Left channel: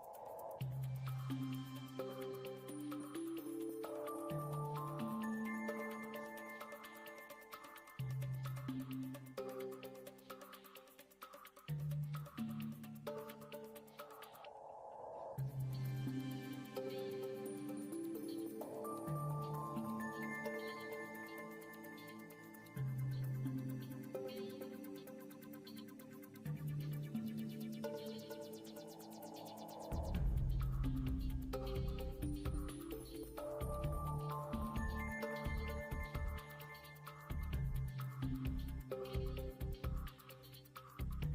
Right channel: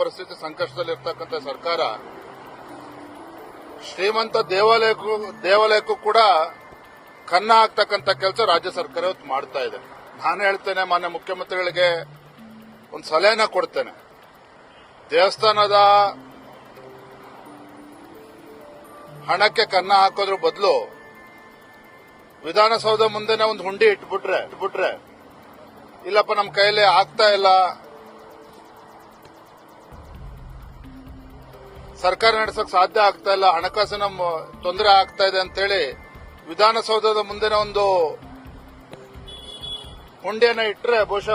ಪರಿಸ್ಥಿತಿ ಸಂಕಷ್ಟದಲ್ಲಿರ್ತಕ್ಕಂಥ ಸರ್ಕಾರ ಶ್ರೀಮಂತ ದೇವಾಲಯಕ್ಕೂ ಕೂಡ ಕನ್ನ ಹಾಕ್ತಕ್ಕಂಥ ಕೆಲಸ ರಾಜ್ಯ ಸರ್ಕಾರ ಇವತ್ತು ಮಾಡ್ತಾ ಇದೆ. ನಾನು ಹೇಳ್ತೇನೆ, ಮಾನ್ಯ ಮುಖ್ಯಮಂತ್ರಿಗಳಿಗೆ ಒಂದು ಸಲಹೆನ ಕೊಡ್ತೇನೆ. ದೇವಸ್ಥಾನದ ಹಣಕ್ಕೆ ಕನ್ನ ಹಾಕೋದ್ರ ಬದಲು ವಿಧಾನಸೌಧ ಮುಂದೆನೆ ಒಂದು ಹುಂಡಿ ಇಟ್ಬಿಟ್ರೆ ಇಲ್ಲಪ್ಪ ನಮ್ಮ ಕೈಯಲ್ಲಿ ಆಗ್ತಾ ಇಲ್ಲ, ಸರ್ಕಾರ ನಡೆಸಕ್ ಸಾಧ್ಯ ಆಗ್ತಾ ಇಲ್ಲ, ಹಣಕಾಸಿನ ತೊಂದರೆ ಆಗ್ತಾ ಇದೆ ಅಂತೇಳಿ ವಿಧಾನಸೌಧದ ಮುಂದೆನೆ ಒಂದು ಹುಂಡಿಯನ್ನ ಇಟ್ರೆ ಬಹುಶಃ